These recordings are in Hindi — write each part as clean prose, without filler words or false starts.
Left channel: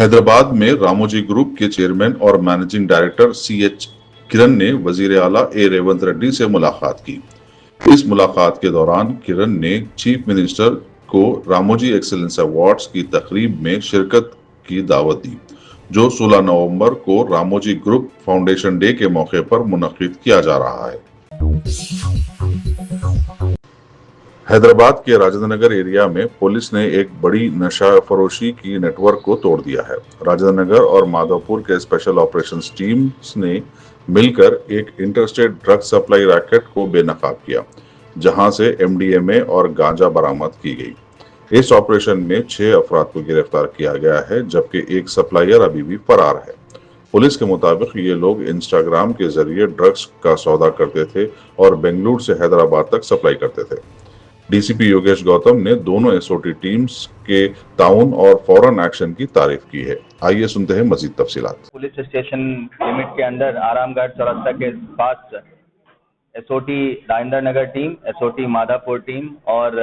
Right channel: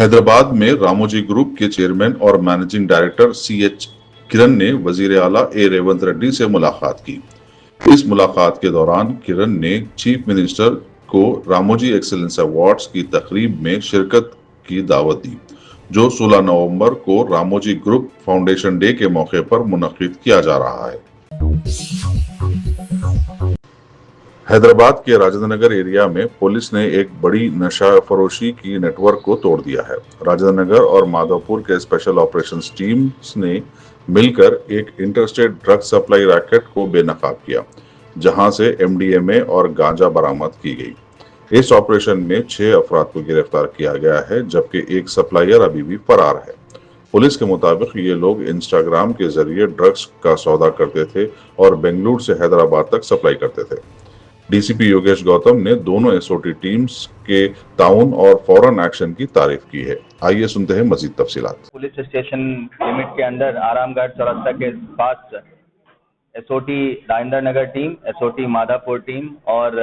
हैदराबाद में रामोजी ग्रुप के चेयरमैन और मैनेजिंग डायरेक्टर CH किरण ने वजीर आला ए रेवंत रेड्डी से मुलाकात की। इस मुलाकात के दौरान किरण ने चीफ मिनिस्टर को रामोजी एक्सीलेंस अवार्ड्स की तकरीब में शिरकत की दावत दी, जो 16 नवंबर को रामोजी ग्रुप फाउंडेशन डे के मौके पर मुनक्किद किया जा रहा है। हैदराबाद के राजेंद्र नगर एरिया में पुलिस ने एक बड़ी नशा फरोशी की नेटवर्क को तोड़ दिया है। राजेंद्र नगर और माधवपुर के स्पेशल ऑपरेशंस टीम्स ने मिलकर एक इंटरस्टेट ड्रग सप्लाई रैकेट को बेनकाब किया, जहां से MDMA और गांजा बरामद की गई। इस ऑपरेशन में 6 अफराद को गिरफ्तार किया गया है, जबकि एक सप्लायर अभी भी फरार है। पुलिस के मुताबिक ये लोग इंस्टाग्राम के जरिए ड्रग्स का सौदा करते थे और बेंगलुरु से हैदराबाद तक सप्लाई करते थे। DCP योगेश गौतम ने दोनों SOT टीम्स के ताउन और फौरन एक्शन की तारीफ की है। आइए सुनते हैं मजीद तफसीलात। पुलिस स्टेशन लिमिट के अंदर आरामगढ़ चौरस्ता के पास SOT Rajendra Nagar team, SOT Madhapur team और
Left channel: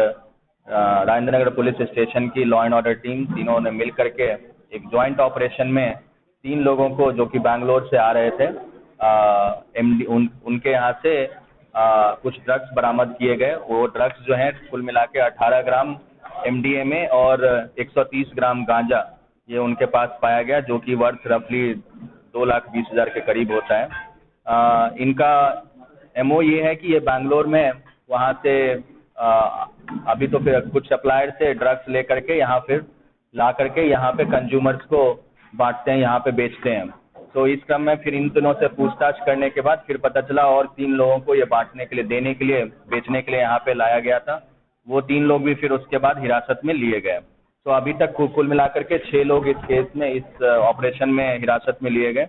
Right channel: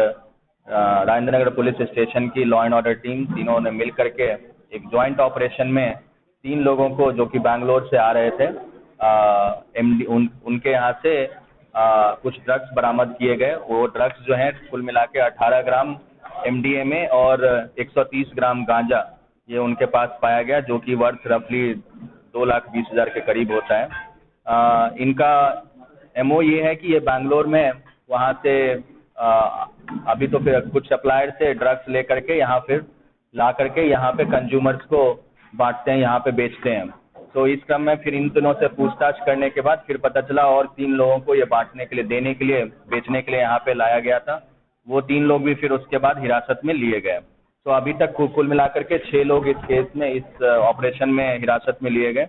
राजेंद्र नगर पुलिस स्टेशन की लॉ एंड ऑर्डर टीम, तीनों ने मिल करके एक ज्वाइंट ऑपरेशन में 3 लोगों को जो कि बैंगलोर से आ रहे थे, उनके यहाँ से कुछ ड्रग्स बरामद किए गए। वो ड्रग्स जो हैं कुल मिला के 18 ग्राम MDMA और 130 ग्राम गांजा ये उनके पास पाया गया, जो कि वर्थ रफली 2,20,000 के करीब होता है। इनका MO ये है कि ये बैंगलोर में वहाँ से अभी तो फिर कुछ सप्लायर से ड्रग्स ले करके यहाँ फिर ला करके यहाँ पे कंज्यूमर्स को बांटते हैं, यहाँ पे बेचते हैं। तो इस क्रम में फिर इन दोनों से पूछताछ करने के बाद फिर पता चला और 3 लोगों को ये बांटने के लिए, देने के लिए, बेचने के लिए यहाँ पे लाया गया था। वो 3 लोग भी फिर उसके बाद हिरासत में लिए गए। तो अभी तक कुल मिलाकर के 6 लोग इस केस में, इस ऑपरेशन में हिरासत में लिए गए।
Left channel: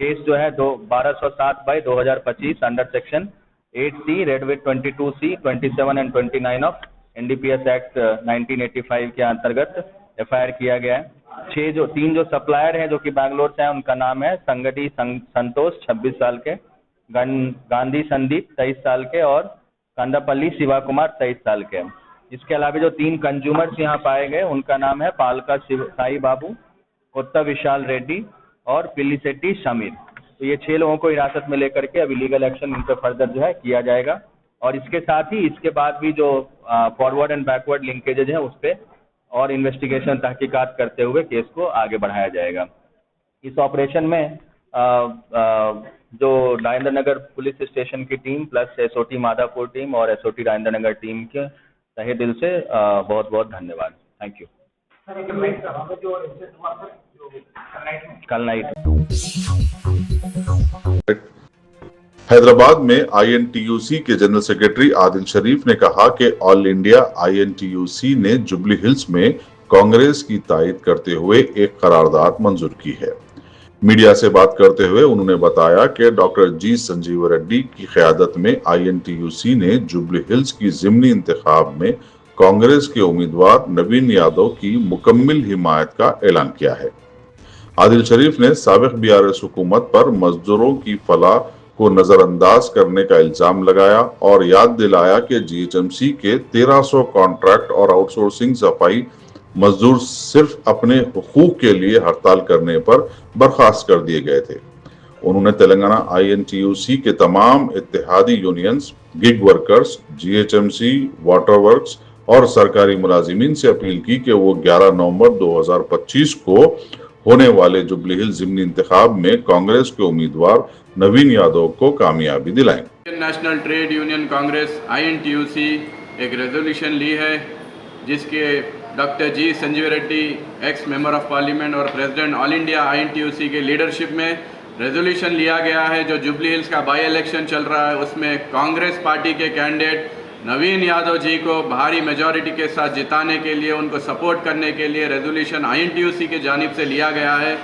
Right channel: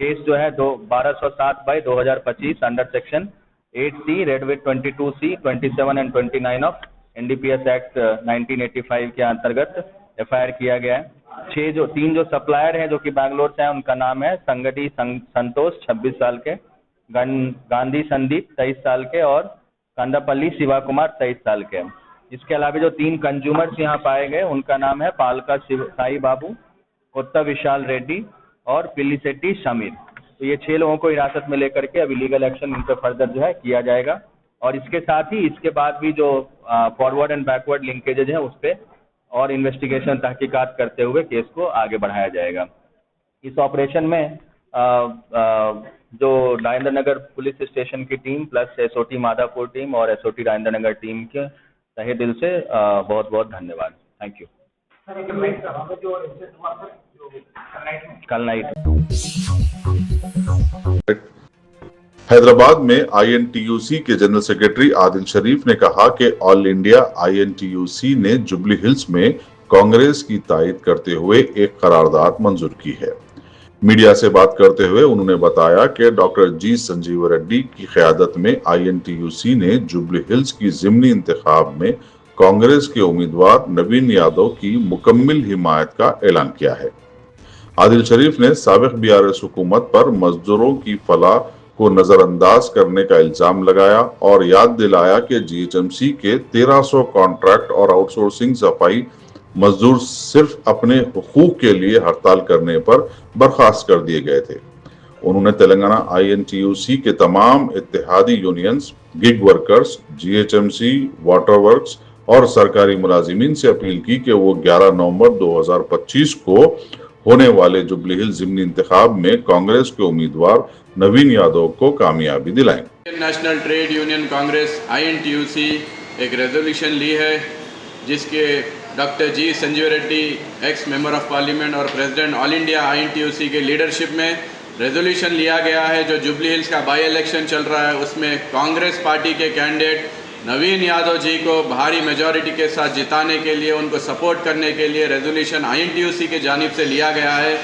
केस जो है 1207/2025 under section 8C, red with 22C, 27 and 29 of NDPS act 1985 के अंतर्गत FIR किया गया है। 3 जो सप्लायर हैं जो कि बैंगलोर से हैं, उनका नाम है संगटी संतोष 26 साल के, गांधी संदीप 23 साल के और कंदापल्ली शिवा कुमार 23 साल के। इसके अलावा जो 3 कंज्यूमर्स यहाँ पाए गए उनका नाम है पालका साई बाबू, कोत्ता विशाल रेड्डी और पिल्लीसेट्टी शमीर। तो ये 6 लोगों को हिरासत में लेकर के अभी लीगल एक्शन इन पर फर्दर जो है किया जाएगा। और इसके साथ ही इसके बाद भी जो फॉरवर्ड एंड बैकवर्ड लिंकेजेज है उस पर और इन्वेस्टिगेशन तहकीकात करते हुए केस को आगे बढ़ाया जाएगा। इस ऑपरेशन में जो राजेंद्र नगर पुलिस स्टेशन की team plus SOT Madhapur team और SOT राजेंद्र नगर टीम के तहे दिल से बहुत बहुत धन्यवाद। Thank you. कल नाइट हैदराबाद में INTUC के जनरल सेक्रेटरी आदिल शरीफ ने कहा कि ऑल इंडिया INTUC ने जुबली हिल्स में कांग्रेस की तायद करते हुए एक करारदाद मंजूर की है। मीडिया से बात करते हुए उन्होंने बताया कि डॉक्टर G संजीव रेड्डी की क़यादत में INTUC ने जुबली हिल्स की ज़िमनी इंतखाब में कांग्रेस के उम्मीदवार नवीन यादव की मुकम्मल हिमायत का ऐलान किया है। आदिल शरीफ ने साबिक BRS हुकूमत पर मजदूरों की फलाह को नजरअंदाज करने का इल्जाम लगाया और याद दिलाया कि GHMC के 1300 कॉन्ट्रैक्ट और आउटसोर्सिंग सफाई मजदूर सिर्फ अपने हुकूक के लिए हड़ताल करने पर बर्खास्त कर दिए गए थे। उन्होंने तेलंगाना INTUC के तमाम इत्तेहादी unions, gig workers, GHMC, water works और सरकारी मुलाजिमीन से अपील की कि वो 11 नवंबर 2025 को होने वाले जुबली हिल्स ज़िमनी इंतखाब में कांग्रेस के उम्मीदवार नवीन यादव को कामयाबी दिलाएं। National trade union Congress INTUC एक रेजोल्यूशन ली है जिसके doctor G Sanjeev Reddy ex member of parliament और प्रेसिडेंट ऑल इंडिया INTUC के लीडरशिप में रेजोल्यूशन लिया गया है। जो जुबली हिल्स का बाई इलेक्शन चल रहा है उसमें कांग्रेस पार्टी के कैंडिडेट नवीन यादव जी को भारी मेजॉरिटी के साथ जिताने के लिए, उनको सपोर्ट करने के लिए रेजोल्यूशन INTUC के जानिब से लिया गया है।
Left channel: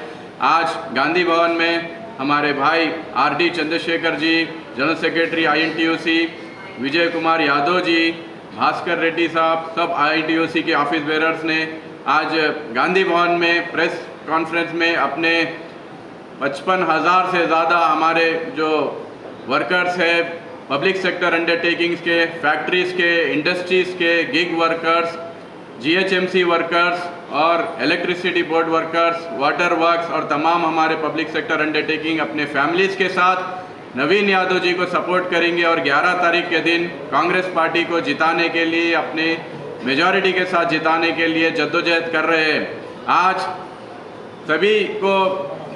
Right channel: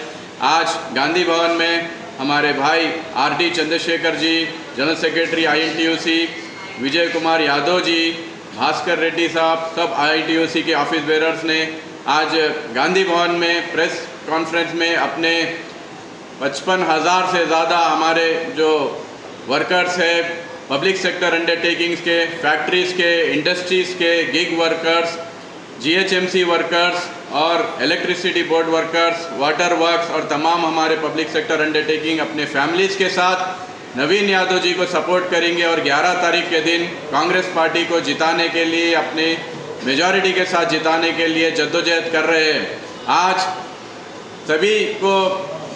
आज गांधी भवन में हमारे भाई RD Chandrashekhar ji, general secretary INTUC, Vijay Kumar Yadav ji, Bhaskar Reddy साहब, सब INTUC के ऑफिस बेरर्स ने आज गांधी भवन में प्रेस कॉन्फ्रेंस में अपने 55,000 से ज़्यादा हमारे जो वर्कर्स है, पब्लिक सेक्टर अंडरटेकिंग्स के, फैक्ट्रीज़ के, इंडस्ट्रीज़ के, गिग वर्कर्स, GHMC वर्कर्स और electricity board workers, water works और तमाम हमारे पब्लिक सेक्टर अंडरटेकिंग अपने फैमिलीज़ के साथ नवीन यादव जी को सपोर्ट करेंगे और 11 तारीख के दिन कांग्रेस पार्टी को जिताने के लिए, अपने मेजॉरिटी के साथ जिताने के लिए जद्दोजहद कर रहे हैं। आज सभी को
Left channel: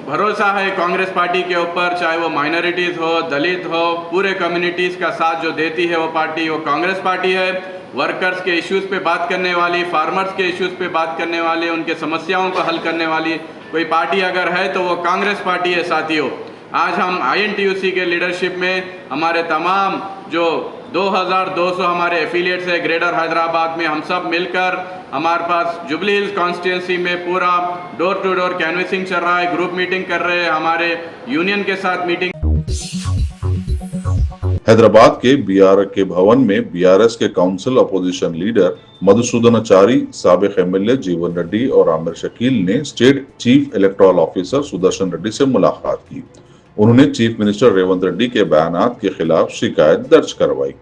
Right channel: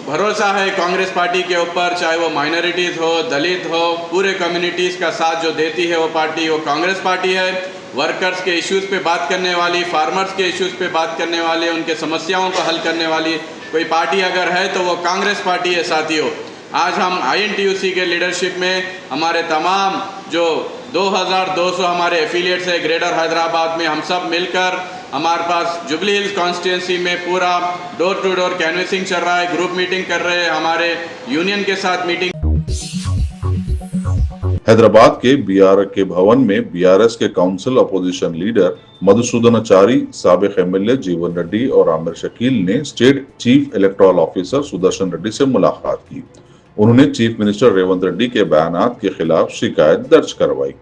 भरोसा है कांग्रेस पार्टी के ऊपर, चाहे वो माइनॉरिटीज़ हो, दलित हो, पूरे कम्युनिटीज़ का साथ जो देती है वो पार्टी, वो कांग्रेस पार्टी है। वर्कर्स के इश्यूज़ पे बात करने वाली, फार्मर्स के इश्यूज़ पे बात करने वाले, उनके समस्याओं को हल करने वाली कोई पार्टी अगर है तो वो कांग्रेस पार्टी है साथियों। आज हम INTUC के लीडरशिप में हमारे तमाम जो 2200 हमारे एफिलिएट्स है ग्रेटर हैदराबाद में, हम सब मिलकर हमारे पास जुबली हिल्स कॉन्स्टिट्यूंसी में पूरा डोर टू डोर कैनवेसिंग चल रहा है, ग्रुप मीटिंग कर रहे हैं, हमारे यूनियन के साथ मीटिंग। हैदराबाद के BR के भवन में BRS के काउंसिल अपोजिशन लीडर मधुसूदनाचारी, साबिक MLA जीवन रेड्डी और आमिर शकील ने state chief electoral officer Sudarshan Reddy से मुलाकात की। उन्होंने चीफ मिनिस्टर रेवंत रेड्डी के बयानात के खिलाफ शिकायत दर्ज करवाई।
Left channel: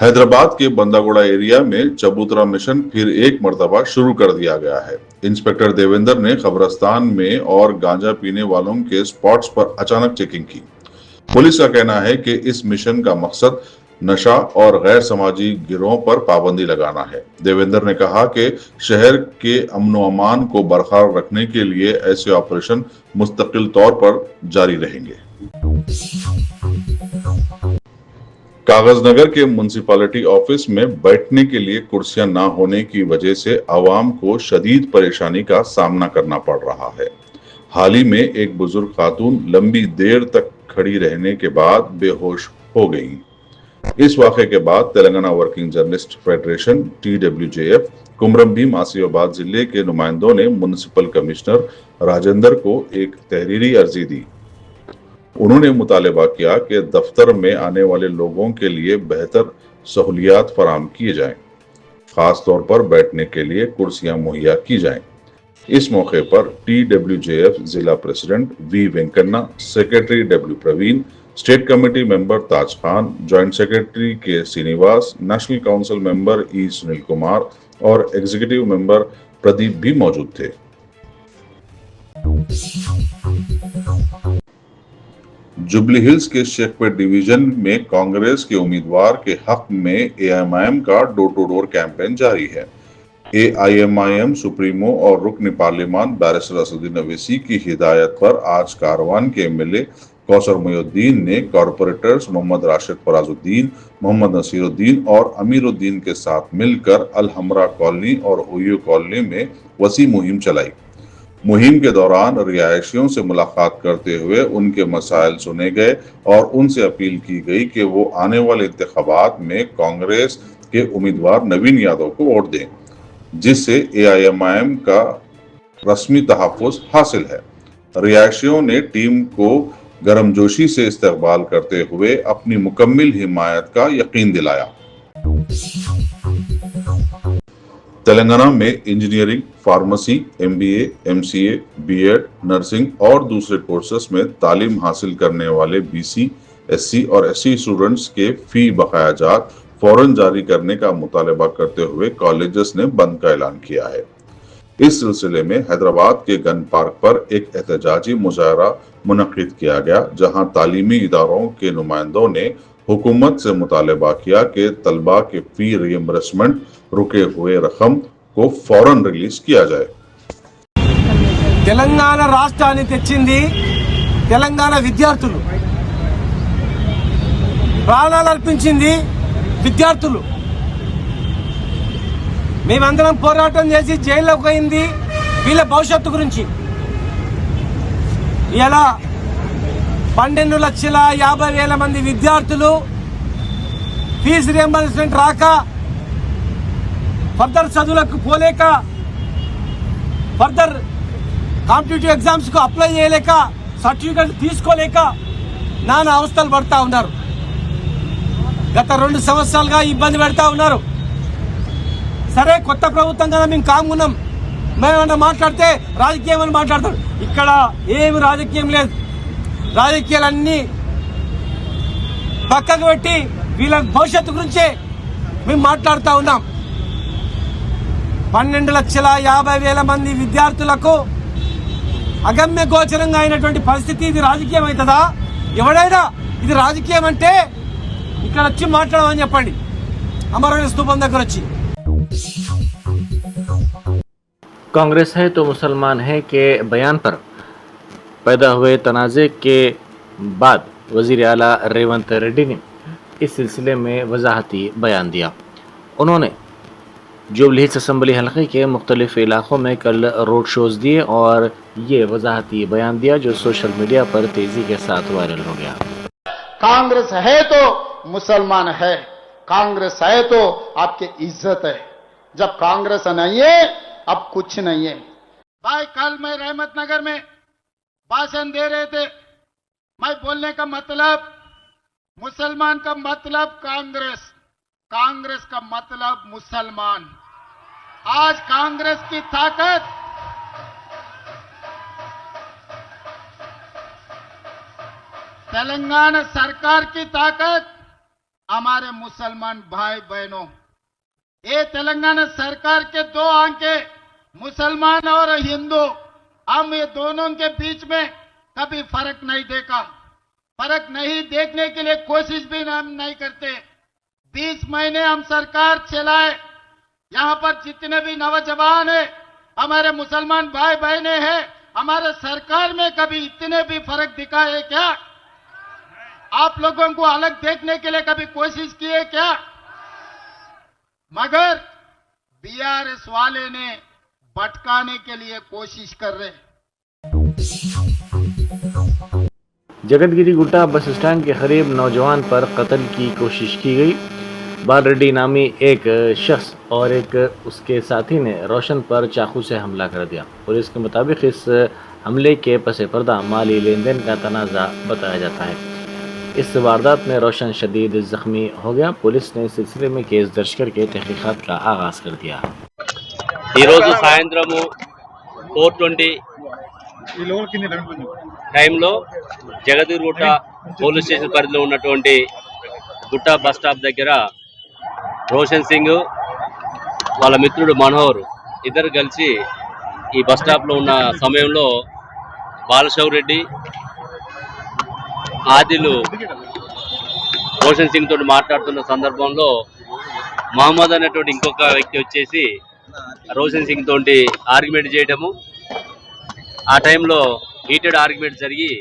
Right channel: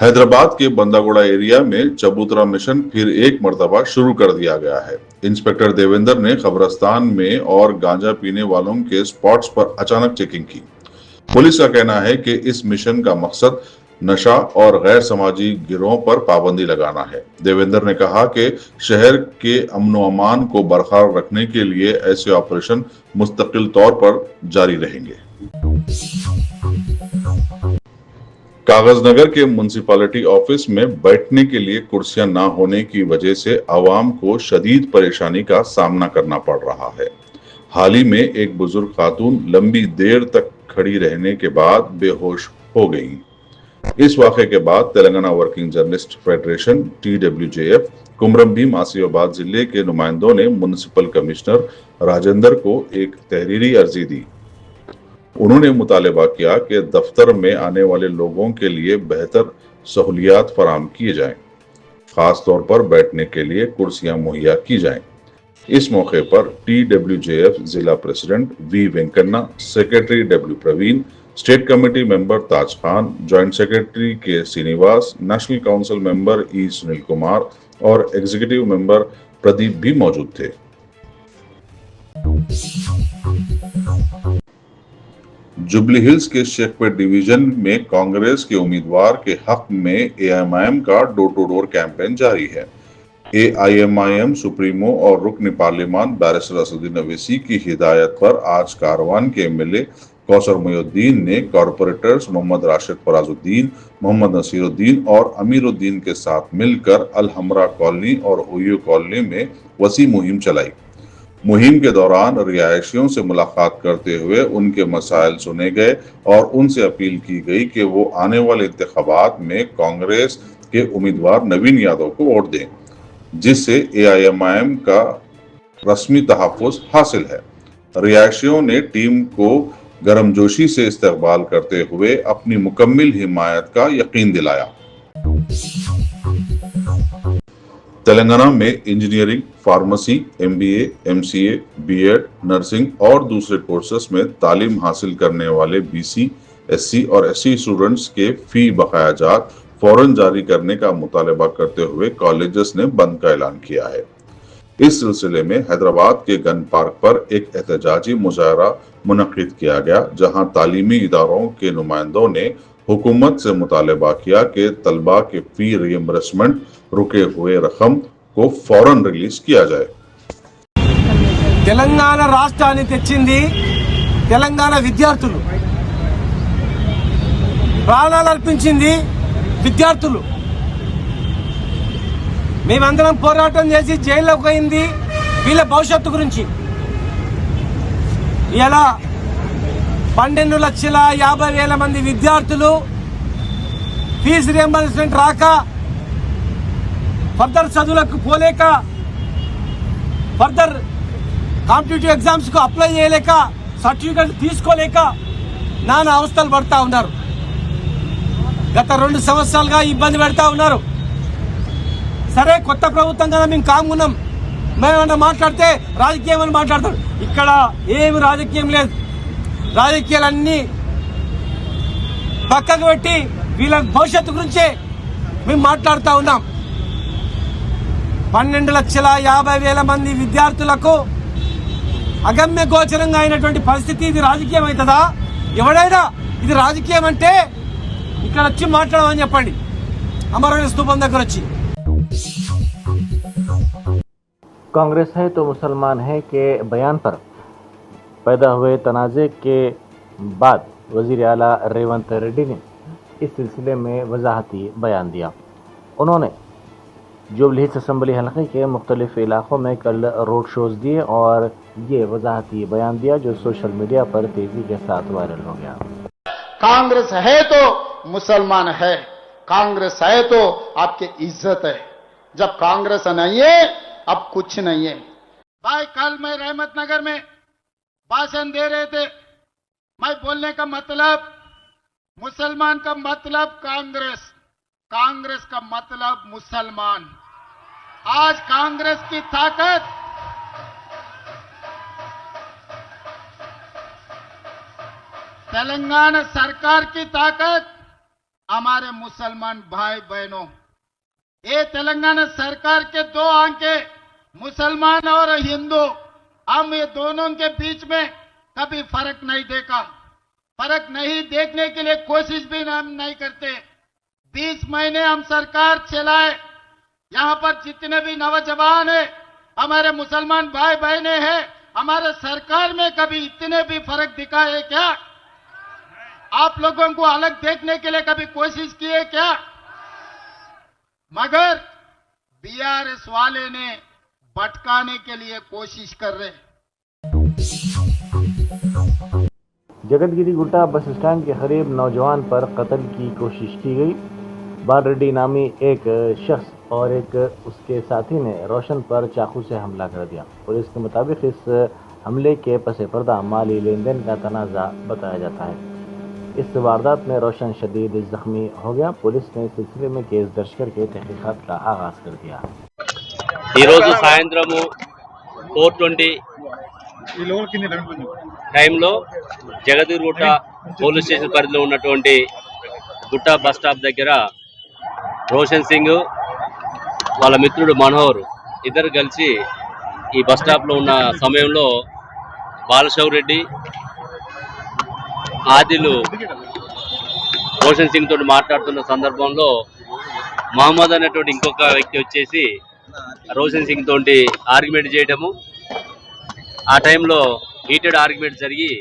हैदराबाद के बंदागोड़ा एरिया में चबूतरा मिशन फिर एक मर्तबा शुरू कर दिया गया है। इंस्पेक्टर देवेंद्र ने कब्रिस्तान में और गांजा पीने वालों के स्पॉट्स पर अचानक चेकिंग की। पुलिस का कहना है कि इस मिशन का मकसद नशा और गैर समाजी गिरोहों पर पाबंदी लगाना है। देवेंद्र ने कहा कि शहर के अमन व अमान को बरकरार रखने के लिए ऐसे ऑपरेशन मुस्तकिल तौर पर जारी रहेंगे। कागजनगर के म्युनिसिपैलिटी ऑफिस में बैठने के लिए कुर्सियां ना होने की वजह से आवाम को शदीद परेशानी का सामना करना पड़ रहा है। हाल ही में एक बुजुर्ग खातून लंबी देर तक खड़ी रहने के बाद बेहोश हो गई। इस वाक़े के बाद Telangana working journalist federation TWJF Kumuram Bheem Asifabad जिले के नुमाइंदों ने म्युनिसिपल कमिश्नर राजेंद्र को एक तहरीरी अर्जी दी। उन्होंने मुतालबा किया कि दफ्तर में आने वाले लोगों के लिए बेहतर सहूलियात फराम किए जाएं, खास तौर पर बैठने के लिए कुर्सियां मुहैया की जाएं। इस मौके पर TWJF जिला president V Venkanna, secretary W Praveen, state committee member Taj Khan, joint secretary K Srinivas, national council member E Sunil Kumar और एग्जीक्यूटिव मेंबर प्रदीप भी मौजूद थे। जुबली हिल्स के शेखपेट डिवीजन में कांग्रेस के उम्मीदवार के हक में AIMIM का डोर टू डोर कैंपेन जारी है। AIMIM सुप्रीमो और रुकन पार्लिमान बैरिस्टर असदुद्दीन अवैसी की हिदायत पर आज कारवान के MLA कौसर मोइनुद्दीन ने कॉरपोरेटर्स मोहम्मद राशिद फराजुद्दीन, मोहम्मद नसीरुद्दीन और अमीरुद्दीन के साथ मिलकर अल हमरा कॉलोनी और ओयो कॉलोनी में वसी मुहिम चलाई। मुहिम के दौरान रिहायशियों से मुलाकात करते हुए उनके मसाइल सुने गए और उनसे अपील की गई कि वो आने वाले इंतखाबात में कांग्रेस के उम्मीदवार नवीन यादव को वोट दें, जिससे AIMIM का रस्मी तहफ़्फ़ुज़ हासिल है। रिहायशियों ने टीम को गर्मजोशी से इस्तकबाल करते हुए अपनी मुकम्मिल हिमायत का यकीन दिलाया। तेलंगाना में engineering, pharmacy, MBA, MCA, B.Ed, nursing और दूसरे कोर्सेस में तालीम हासिल करने वाले BC, SC और SC स्टूडेंट्स के फी बकायाजात फौरन जारी करने का मुतालबा करते हुए कॉलेजेस ने बंद का ऐलान किया है। इस सिलसिले में हैदराबाद के गन पार्क पर एक एहतजाजी मुजाहरा मुनक्किद किया गया, जहां तालीमी इदारों के नुमाइंदों ने हुकूमत से मुतालबा किया कि तलबा के फी रियम्बर्समेंट रुके हुए रकम को फौरन रिलीज किया जाए। తెలంగాణ రాష్ట్రాన్ని తెచ్చింది తెలంగాణ విద్యార్థులు, ప్రాణాలు అర్పించింది విద్యార్థులు. మేమందరం పోరాటం చేసి జైల్లోకి పోయింది వీళ్ళ భవిష్యత్తు గురించి. ఇలా 12,50,000 మంది విద్యార్థులు ఫీజు రియంబర్స్మెంట్ రాక, ఫర్దర్ చదువులకు పోలేక, ఫర్దర్ కాంపిటేటివ్ ఎగ్జామ్స్ కు అప్లై చేయలేక, సర్టిఫికెట్ తీసుకోలేక నానా అవస్థలు పడతా ఉన్నారు. గత 2 సంవత్సరాలుగా ఇబ్బంది పెడతా ఉన్నారు. సరే, కొత్త ప్రభుత్వం కదా, మేము కామున్నాం, మేమన్నా మాట్లాడితే రాజకీయం అని మాట్లాడతాడు. ఇక్కడ ఏమి రాజకీయం లేదు. రాజకీయాలన్నీ పక్కకు పెట్టి వీళ్ళ భవిష్యత్తు గురించే మేము మాట్లాడుతూ ఉన్నాం. 12,50,000 మంది విద్యార్థులకు అగమ్య గోచరంగా అయినటువంటి పరిస్థితి. ఇది రాజకీయం అవుతుందా? ఎవడైనా ఇది రాజకీయం అంటే ఇక్కడ వచ్చి మాట్లాడమని చెప్పండి, అమరవీరుల స్తూపం దగ్గర వచ్చి. कांग्रेस है तो मुसलमान है के बयान पर पैदा हुए तनाज़े के बाद वज़ीर आला रेवंत रेड्डी ने इस सिलसिले में वजाहती बयान दिया। उन्होंने जुबली हिल्स असम्बली हलक़े के मुख्तलिफ इलाक़ों में कल रोड शोज़ दिए और ये वजाहती बयान दिया जो सोशल मीडिया पर तेज़ी के साथ वायरल हो गया। कांग्रेस है तो मुसलमान है, कांग्रेस है तो आपकी इज्जत है। जब कांग्रेस नहीं है अब कुछ नहीं है। भाई कल मैं रहमत नगर में भाषण दे रहे थे, मैं बोलने का मतलब मुसलमान का मतलब कांग्रेस, कांग्रेस का मतलब मुसलमान। आज कांग्रेस की ताकत तेलंगाना सरकार की ताकत हमारे मुसलमान भाई बहनों, ये तेलंगाना सरकार के दो आंखें मुसलमान और हिंदू, हम ये दोनों के बीच में कभी फर्क नहीं देखा, फर्क नहीं देखने के लिए कोशिश भी हम नहीं करते। 20 महीने हम सरकार चलाए, यहाँ पर जितने भी नौजवान है हमारे मुसलमान भाई बहने हैं, हमारे सरकार में कभी इतने भी फर्क दिखा है क्या? आप लोगों को अलग देखने के लिए कभी कोशिश की है क्या? मगर बीआरएस वाले ने भटकाने के लिए कोशिश कर रहे। जगतगिरी गुट्टा बस स्टैंड के करीब नौजवान पर कत्ल की कोशिश की गई। बाल रेड्डी नामी एक शख्स और एक उसके साथी ने रोशन पर चाकू से हमला कर दिया। पुलिस के मुताबिक इस हमले के पसे पर्दा माली लेन देन का तनाज़ा बताया जाता है। इस वारदात में रोशन शदीद जख्मी हो गया। पुलिस ने सिलसिले में केस दर्ज करके तहकीकात का आगाज कर दिया। ఈరోజు సాయంత్రము 4:20 టైంలో జగతిగుట్ట పోలీస్ స్టేషన్ పరిధిలో ఉన్నటువంటి గుట్ట బస్ స్టాప్ దగ్గర రోషన్ సింగ్ వాళ్ళ మిత్రుడు మనోహర్ ఇద్దరు కలిసి ఈ బస్ స్టాప్లో ఉన్న సమయంలో బాలశౌర్ రెడ్డి ఆదిలు రోషన్ సింగ్ తోటి మాట్లాడుతున్న సందర్భంలో మహమ్మద్ అనేటువంటి ఇంకొక వ్యక్తి వచ్చేసి రోషన్ సింగ్ తోటి ఆర్గ్యుమెంట్ చేయడము, ఆ టైంలో హీటెడ్ ఆర్గ్యుమెంట్ జరిగి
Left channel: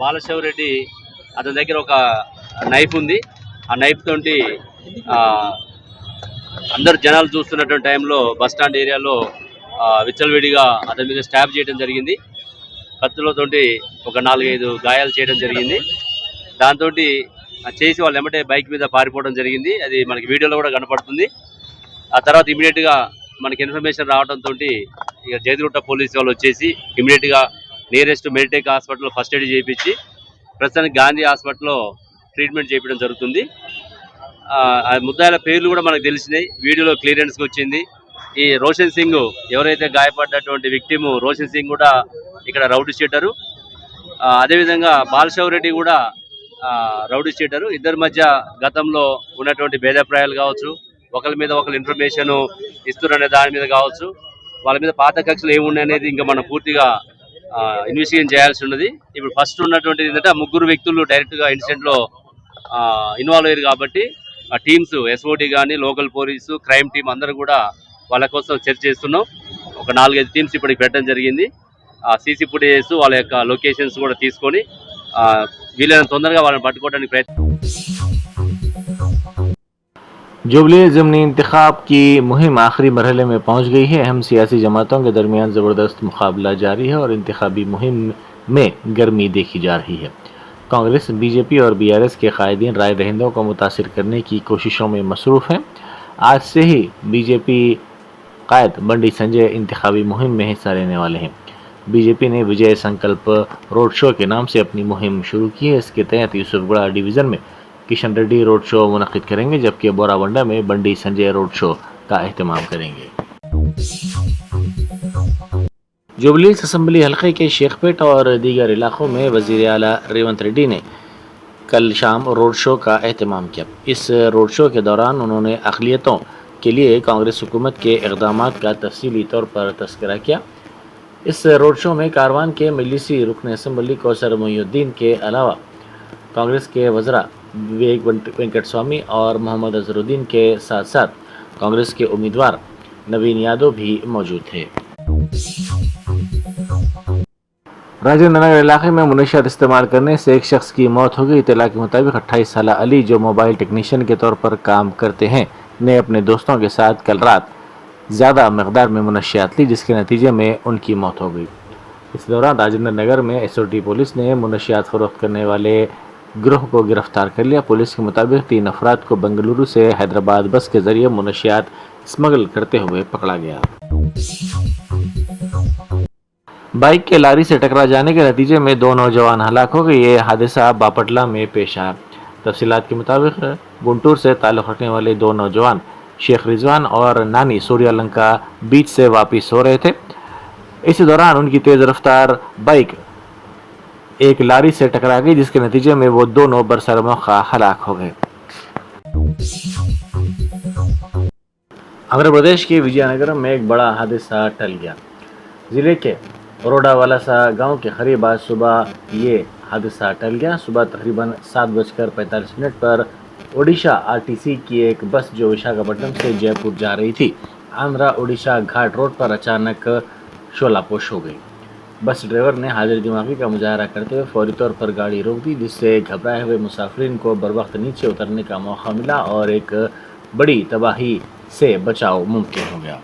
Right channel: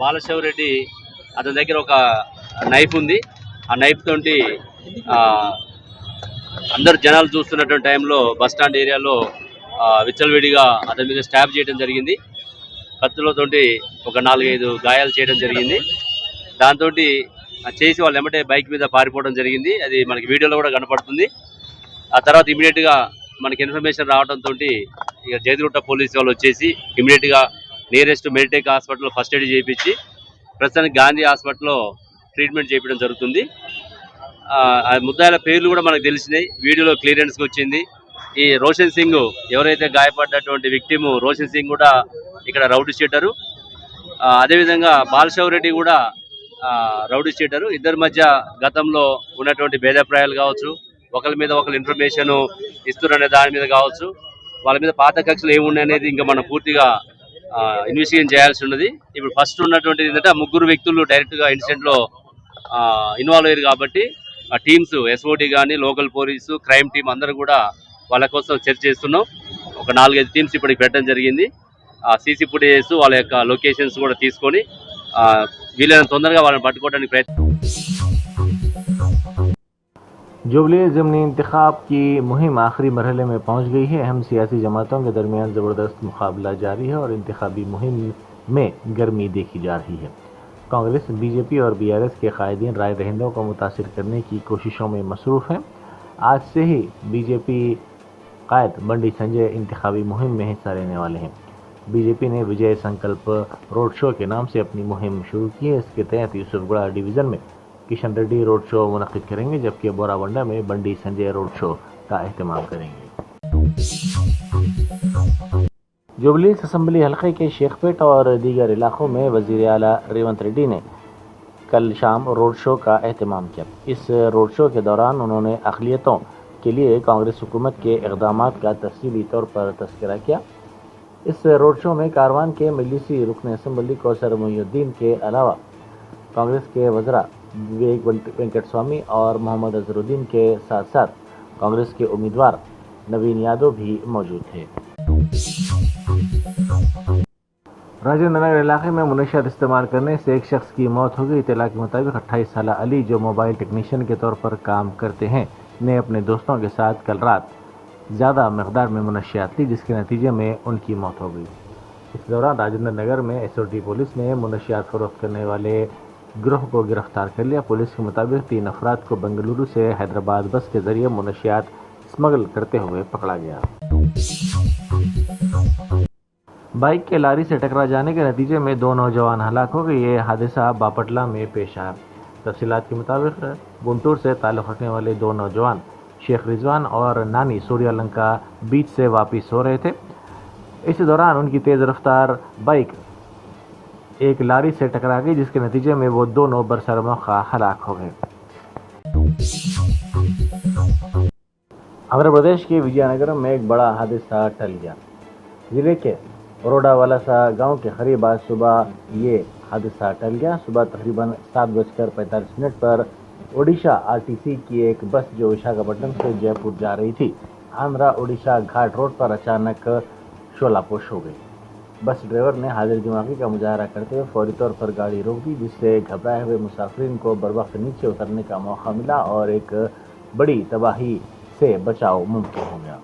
బాలశౌర్ రెడ్డి అతని దగ్గర ఒక నైఫ్ ఉంది, ఆ నైఫ్ తోటి అందరు జనాలు చూస్తున్నటువంటి టైంలో బస్ స్టాండ్ ఏరియాలో విచ్చలవిడిగా అతని మీద స్టాబ్ చేయడం జరిగింది. కత్తులతోటి ఒక 4-5 గాయాలు చేయడం జరిగింది. దాంతో చేసి వాళ్ళు ఎమ్మటే బైక్ మీద పారిపోవడం జరిగింది. అది మనకి వీడియోలో కూడా కనపడుతుంది. ఆ తర్వాత ఇమీడియట్గా మనకి ఇన్ఫర్మేషన్ రావడంతో ఇక జగతిగుట్ట పోలీసు వాళ్ళు వచ్చేసి ఇమీడియట్గా నియరెస్ట్ మెడిటెక్ హాస్పిటల్లో ఫస్ట్ ఎయిడ్ చేయించి ప్రస్తుతానికి గాంధీ హాస్పిటల్లో ట్రీట్మెంట్ చేయించడం జరుగుతుంది. ముద్దాయిల పేర్లు కూడా మనకు తెలిసినాయి, వీడియోలో క్లియరెన్స్కి వచ్చింది. ఈ రోషన్ సింగ్ ఎవరైతే గాయపడ్డటువంటి విక్టిమ్ రోషన్ సింగ్ కూడా ఇక్కడ రౌడీ షీటరు, అదేవిధంగా బాలశౌర్ రెడ్డి కూడా రౌడీ షీటరు. ఇద్దరి మధ్య గతంలో ఉన్నటువంటి భేదాభిప్రాయాలు కావచ్చు, ఒకరి మీద ఒకరు ఇన్ఫర్మేషన్ ఇస్తున్న దాని మీద కావచ్చు, వాళ్ళ మీద పాత కక్షలు ఏమున్నాయి అనేది ఇంకా మనం పూర్తిగా ఇన్వెస్టిగేషన్ చేయాల్సి ఉన్నది. ఇప్పుడు ఫస్ట్ ఉన్నటువంటిది ఏంటంటే ఆ ముగ్గురు వ్యక్తులు డైరెక్ట్గా ఇన్సిడెంట్లో ఇన్వాల్వ్ అయ్యారు కాబట్టి ఆ టీమ్స్ ఎస్ఓటీ కానీ లోకల్ పోలీసు క్రైమ్ టీం అందరూ కూడా వాళ్ళ కోసం చర్చ చేస్తున్నాం. ఒక 4-5 టీమ్స్ ఇప్పటికి పెట్టడం జరిగింది. సీసీ ఫుటేజెస్ వాళ్ళ యొక్క లొకేషన్స్ కూడా తీసుకొని వీలైనంత తొందరగా వాళ్ళని పట్టుకోవడానికి ప్రయత్నం. जुबली ज़िमनी इंतखाब की मुहिम आखिरी मरहले में पहुंच गई है। अहम सियासी जमातों के दरमियान ज़बरदस्त मुकाबला जारी है और इंतखाबी मुहिम में गर्मी देखी जा रही है। कांग्रेस, बीजेपी और बीआरएस के कायदीन राय दहिंदों को मुतासिर करने की कोशिशों में मसरूफ़ हैं। आज से ही बीजेपी कायद बंडी संजय इंतखाबी मुहिम में हिस्सा लेने वाले हैं। बीजेपी ने विजय संकल्प रोड शो के नाम से अपनी मुहिम शुरू की है। इसके तहत यूसुफगढ़ डिवीज़न में किशन रेड्डी रोड शो मुनक़िद करेंगे, जबकि बोराबंडा में बंडी संजय रोड शो का एहतमाम करेंगे। जुबली हिल्स असम्बली हलक़े के शेखपेट और दीगर इलाक़ों में वज़ीर आला रेवंत रेड्डी ने कल शाम रोड शो का एहतमाम किया। इस रोड शो के दौरान उन्होंने अक़लियतों के लिए कांग्रेस हुकूमत के इक़दाम का तफसीली तौर पर तस्करा किया। इस रोड शो में कारवान के मजलिसी रुकन असम्बली कौसर मोइनुद्दीन के अलावा कांग्रेस के वज़रा विवेक वेंकट स्वामी और मोहम्मद अजहरुद्दीन के साथ साथ कांग्रेस के उम्मीदवार नवीन यादव भी मौजूद थे। राजेंद्र नगर इलाके में मुनशियात इस्तेमाल करने से एक शख्स की मौत हो गई। इत्तला के मुताबिक 28 साल अली, जो मोबाइल टेक्नीशियन के तौर पर काम करते हैं, ने अपने दोस्तों के साथ कल रात ज़्यादा मकदार में मुनशियात ली, जिसके नतीजे में उनकी मौत हो गई। इस दौरान राजेंद्र नगर में एसओटी पुलिस ने मुनशियात फरोख्त करने वाले गिरोह को गिरफ्तार कर लिया। पुलिस के मुताबिक 3 अफराद को बेंगलुरु से हैदराबाद बस के जरिए मुनशियात स्मगल करते हुए पकड़ा गया। बाइक के लारी से टकरा जाने के नतीजे में 2 नौजवान हलाक हो गए। ये हादसा बापटला में पेश आया। तफसीलात के मुताबिक गुंटूर से ताल्लुक़ रखने वाले 2 नौजवान शेख रिजवान और नानी सूर्यलंका बीच से वापस हो रहे थे। इसी दौरान उनकी तेज़ रफ्तार बाइक एक लारी से टकरा गई, जिसके नतीजे में वो दोनों बरसर मौका हलाक हो गए। आंध्र प्रदेश के विजयनगरम में एक बड़ा हादसा टल गया। जिले के बरोडावालासा गांव के करीब आज सुबह ये हादसा टल गया। सुबह तकरीबन 7:45 पर ओडिशा आरटीसी की एक बस जो विशाखापट्टनम से जयपुर जा रही थी, आंध्रा ओडिशा घाट रोड पर अचानक शोलापोश हो गई। बस ड्राइवर ने हाजिर दिमागी का मुजाहरा करते हुए फौरी तौर पर गाड़ी रोक दी, जिससे घबराए हुए मुसाफिरीन को बर वक्त नीचे उतरने का मौका मिला और एक बड़ी तबाही से बचाव मुमकिन हो गया।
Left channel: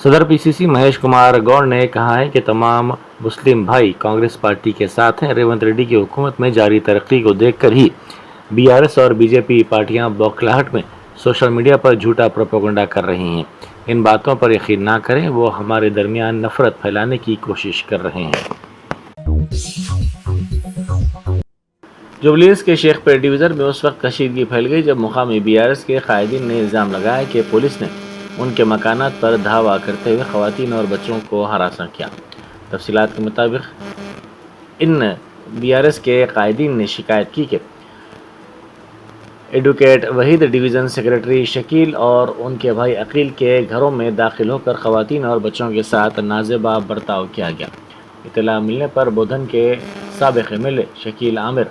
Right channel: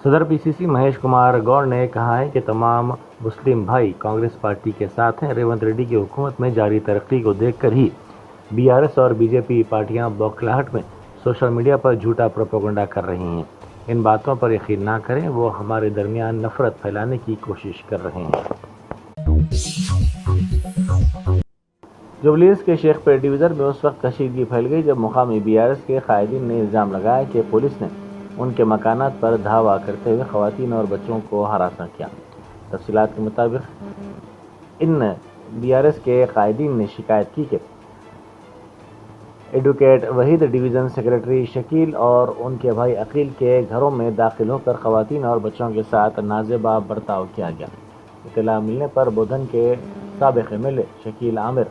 सदर पीसीसी महेश कुमार गौड़ ने कहा है कि तमाम मुस्लिम भाई कांग्रेस पार्टी के साथ हैं। रेवंत रेड्डी की हुकूमत में जारी तरक्की को देखकर ही बीआरएस और बीजेपी पार्टियां बौखलाहट में सोशल मीडिया पर झूठा प्रोपेगेंडा कर रही हैं। इन बातों पर यकीन ना करें, वो हमारे दरमियान नफरत फैलाने की कोशिश कर रहे हैं। जुबलीस के शेखपेट डिवीज़न में उस वक्त कशीदगी फैल गई जब मुकामी बीआरएस के कायदीन ने इल्ज़ाम लगाया कि पुलिस ने उनके मकानात पर धावा करते हुए खवातीन और बच्चों को हरासा किया। तफसीलात के मुताबिक इन बीआरएस के कायदीन ने शिकायत की कि advocate Waheed, division secretary Shakeel और उनके भाई अकील के घरों में दाखिल होकर खवातीन और बच्चों के साथ नाजेबा बर्ताव किया गया। इत्तला मिलने पर बोधन के साबिक़ एमएलए शकील आमिर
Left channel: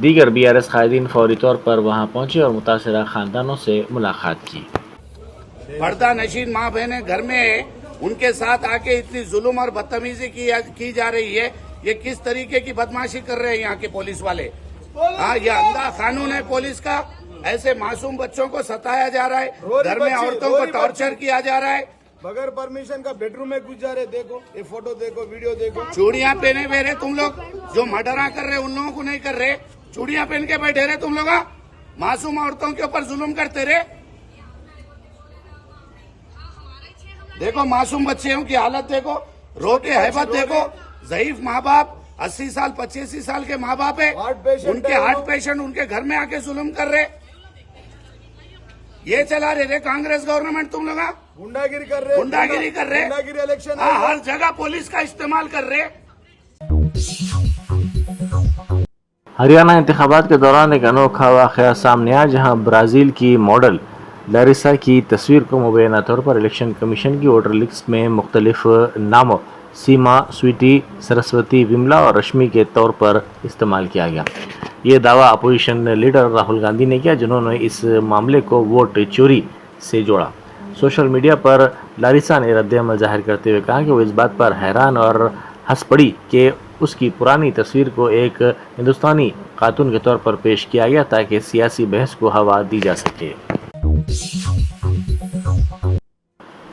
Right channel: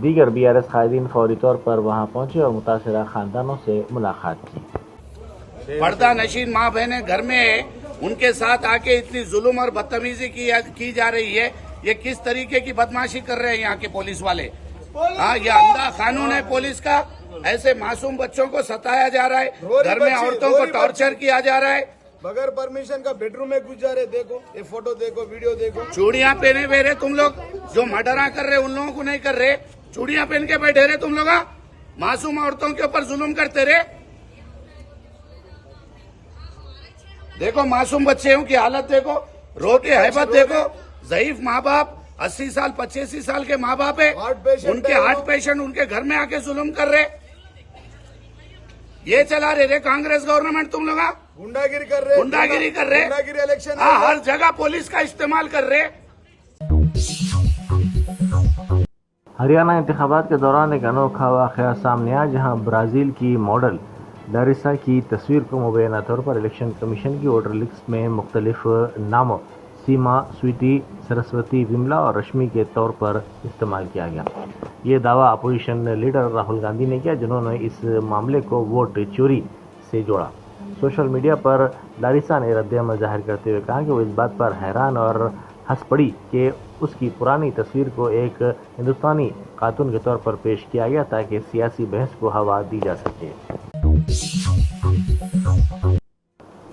दीगर बीआरएस कायदीन फौरी तौर पर वहां पहुंचे और मुतासिरा खानदानों से मुलाकात की। पर्दा नशीन माँ बहनें घर में उनके साथ आके इतनी जुल्म और बदतमीजी की जा रही है। ये किस तरीके की बदमाशी कर रहे हैं यहाँ के पुलिस वाले। हाँ, ये अंधा कानून है पुलिस का। ऐसे मासूम बच्चों को सताया जा रहा है, घर में औरतों को टॉर्चर किया जा रहा है, बगैर परमिशन का बेडरूम में घुस जा रहे। देखो ये फोटो देखो, वीडियो देखो। चूड़ियां पहने हुए रहे तुम लोग, जो मर्डरा कर रहे उन लोगों को नहीं कर रहे। चूड़ियां पहन के बैठे रहे तुम लोग, मासूम औरतों के ऊपर जुल्म करते रहे। देखो मासूम बच्चों की हालत देखो, रो के हैबत देखो। ज़ईफ माँ बाप, 80 साल 85 साल के माँ बाप है, उनके हार्ट पेशेंट उनके घर में आके जुल्म कर रहे। ये चला रहे कांग्रेस गवर्नमेंट। तुम लोग गुंडागिरी कर रहे, गुंडागिरी कर रहे, गुंडागिरी इलेक्शन। हाँ, हर जगह पुलिस का इस्तेमाल कर रहे। हरियाणा इंतखाबात के दौरान एक अनोखा वाक़या सामने आया, जहां ब्राज़ील की मॉडल लारिसा की तस्वीर को मुबैना तौर पर इलेक्शन कमीशन की वोटर लिस्ट में मुख्तलिफ नामों सीमा, स्वीटी, सरस्वती, विमला और रश्मि के तौर पर इस्तेमाल किया गया। ये दावा अपोजिशन लीडर राहुल गांधी ने किया, जिन्होंने इस मामले को वोट चोरी से जोड़ा। सोशल मीडिया पर लारिसा ने रद्द-ए-अमल जाहिर करते हुए कहा कि वो इस बात पर हैरान और हंस पड़ी कि उसकी पुरानी तस्वीर को एक हिंदुस्तानी खातून के तौर पर पेश किया गया ताकि सियासी बहस को हवा दी जा सके।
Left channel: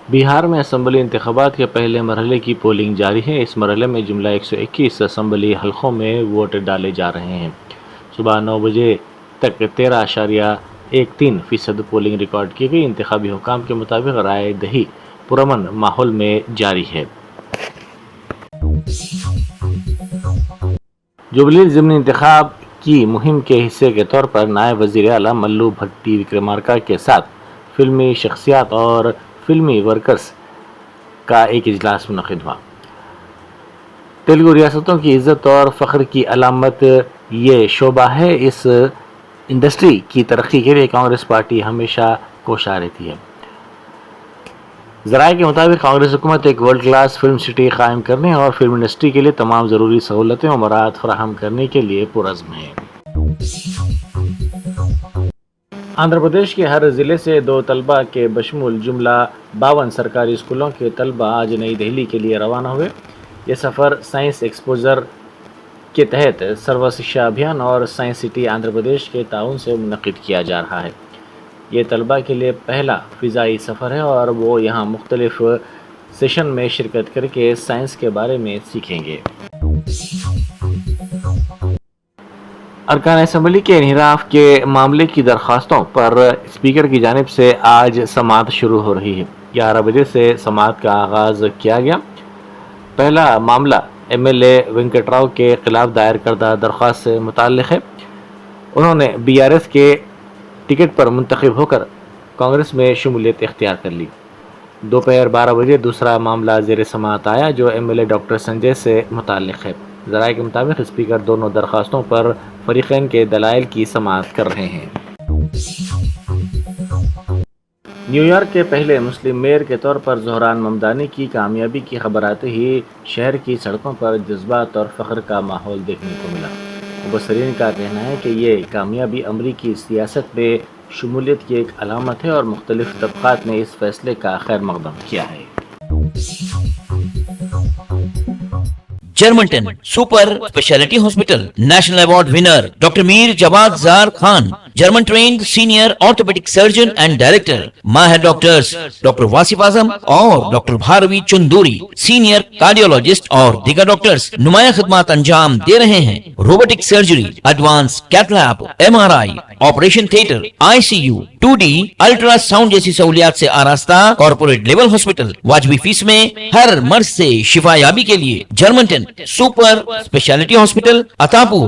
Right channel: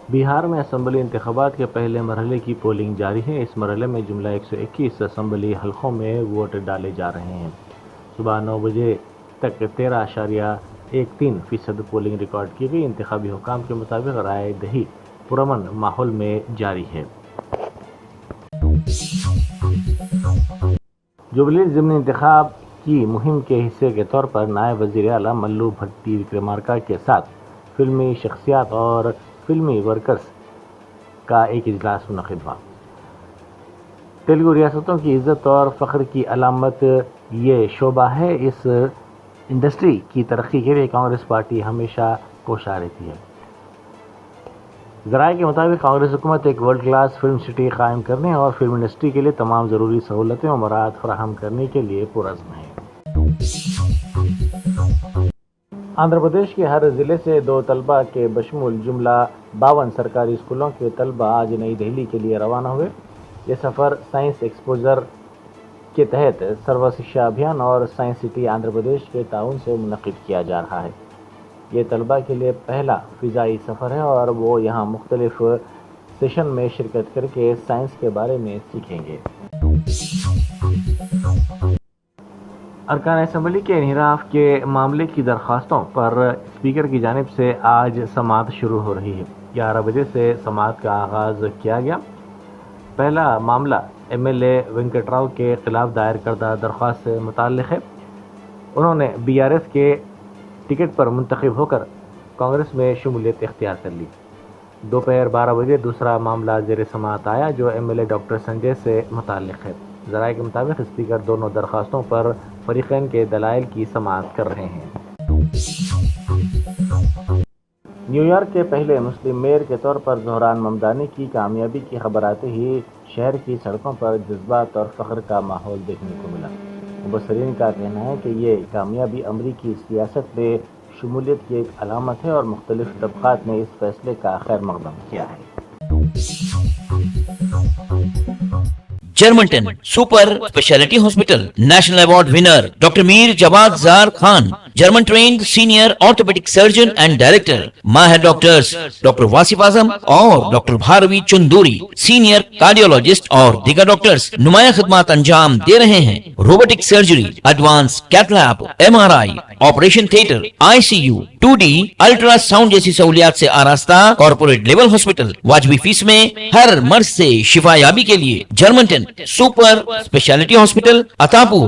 बिहार में असम्बली इंतखाबात के पहले मरहले की पोलिंग जारी है। इस मरहले में जुमला 121 असम्बली हलकों में वोट डाले जा रहे हैं। सुबह 9 बजे तक 13.13% पोलिंग रिकॉर्ड की गई। इंतखाबी हुकाम के मुताबिक राय दही पुरअमन माहौल में जारी है। जुबली ज़िमनी इंतखाब की मुहिम के हिस्से के तौर पर नायब वज़ीर आला मल्लू भट्टी विक्रमार्का के साथ फिल्मी शख्सियात और फिल्मी वर्कर्स का एक इजलास मुनक़िद हुआ। तेलुगु रियासतों की इज़्ज़त और फ़ख्र की अलामत ये शोबा है। इस इंडस्ट्री की तरक्की के लिए कांग्रेस पार्टी हमेशा कोशा रहती है। ज़राए के मुताबिक कांग्रेस हुकूमत एक वर्ल्ड क्लास फिल्म सिटी कायम करने और फिल्म इंडस्ट्री के लिए तमाम ज़रूरी सहूलतें और मराहत फराहम करने के लिए पुरज़्म है। आंध्र प्रदेश के हर ज़िले से 2 तलबा के बशमूल जुमला 52 सरकारी स्कूलों के तलबा आज नई दिल्ली के लिए रवाना हुए। ये सफ़र साइंस एक्सपोजर के तहत सर्व शिक्षा अभियान और साइंस सिटी आंध्र प्रदेश के ताउन से मुनक़िद किया जा रहा है। ये तलबा के लिए पहला फ़िज़ाई सफ़र है और वो यहाँ मुख्तलिफ सेशन में शिरकत करके साइंस के बारे में सीखेंगे। अरकान असम्बली के इन्हिराफ के मामले की दरख्वास्तों पर स्पीकर की जानिब से आज समाअत शुरू हो रही है। 11 बजे से समाअत का आगाज़ किया गया। पहला मामला MLA वेंकटराव के खिलाफ दायर करदा दरख्वास्त से मुताल्लिक़ है। उन्होंने BRS के टिकट पर मुंतखब होकर कांग्रेस में शमूलियत इख्तियार कर ली। दोपहर 12 बजे दूसरा मामला ज़ेर समाअत आया जो MLA डॉक्टर संजय से मुताल्लिक़ है। ज़राए के मुताबिक स्पीकर दोनों दरख्वास्तों पर फरीक़ैन के दलाइल की समाअत कर रहे हैं। न्यूयॉर्क के पहले मुस्लिम मेयर के तौर पर ज़ोहरान ममदानी की कामयाबी की खबर आते ही शहर की सड़कों पर जज्बात और फ़ख्र का माहौल देखने को मिला। मुबसरीन का कहना है कि ये कामयाबी अमरीकी सियासत में शमूलियत की एक अलामत है और मुख्तलिफ तबक़ात ने इस फैसले का खैर मक़दम किया है। Germanten super speciality hospital national award winner doctor Mir Jawad Jar Khan, German trained senior orthopedic surgeon and director, माहिर डॉक्टर्स डॉक्टर वासिफ आजम और doctor Bharvi Chanduri, senior cardiologist और दीगर डॉक्टर्स नुमाया खिदमत अंजाम दे रहे हैं। Robotic surgery, advance cath lab, MRI, operation theatre, ICU, 2D ultrasound जैसी सहूलियात से आरास्ता कॉर्पोरेट लेवल हॉस्पिटल। वाजबी फीस में हर मर्ज से शिफायाबी के लिए Germanton super speciality hospital, Attapur,